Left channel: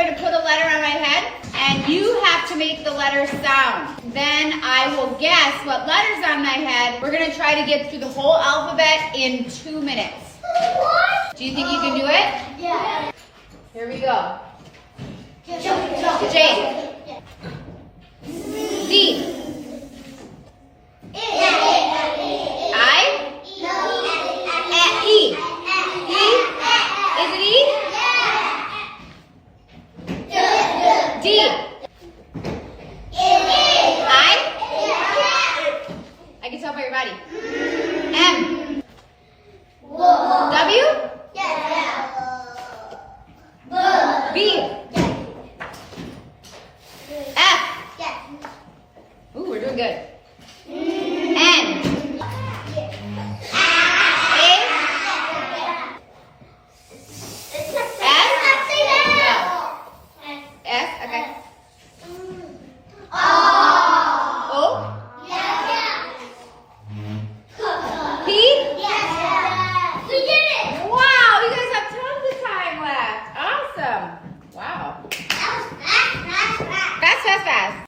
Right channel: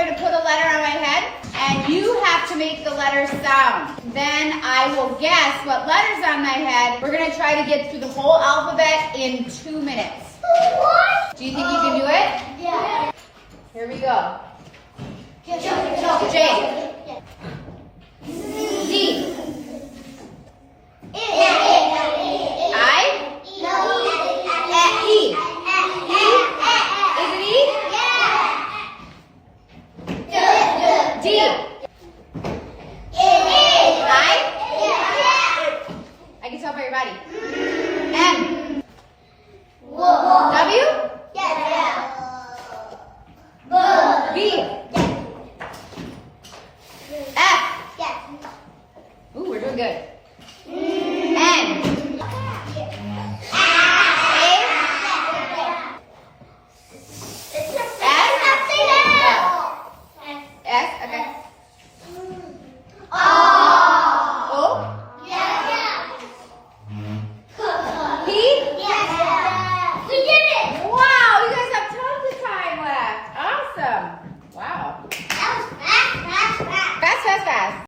going to put a letter on my head, and you have to make the letter sound. Then I will guess what letter's on my head. We're going to try to get through the whole alphabet in 2 minutes. Do you think you can do it? Yeah. Here we go. J. Z. I. E. Is it E? D. I can tell by your body. M. W. B. F. Ooh, we're doing good. N. A. S. S. Okay.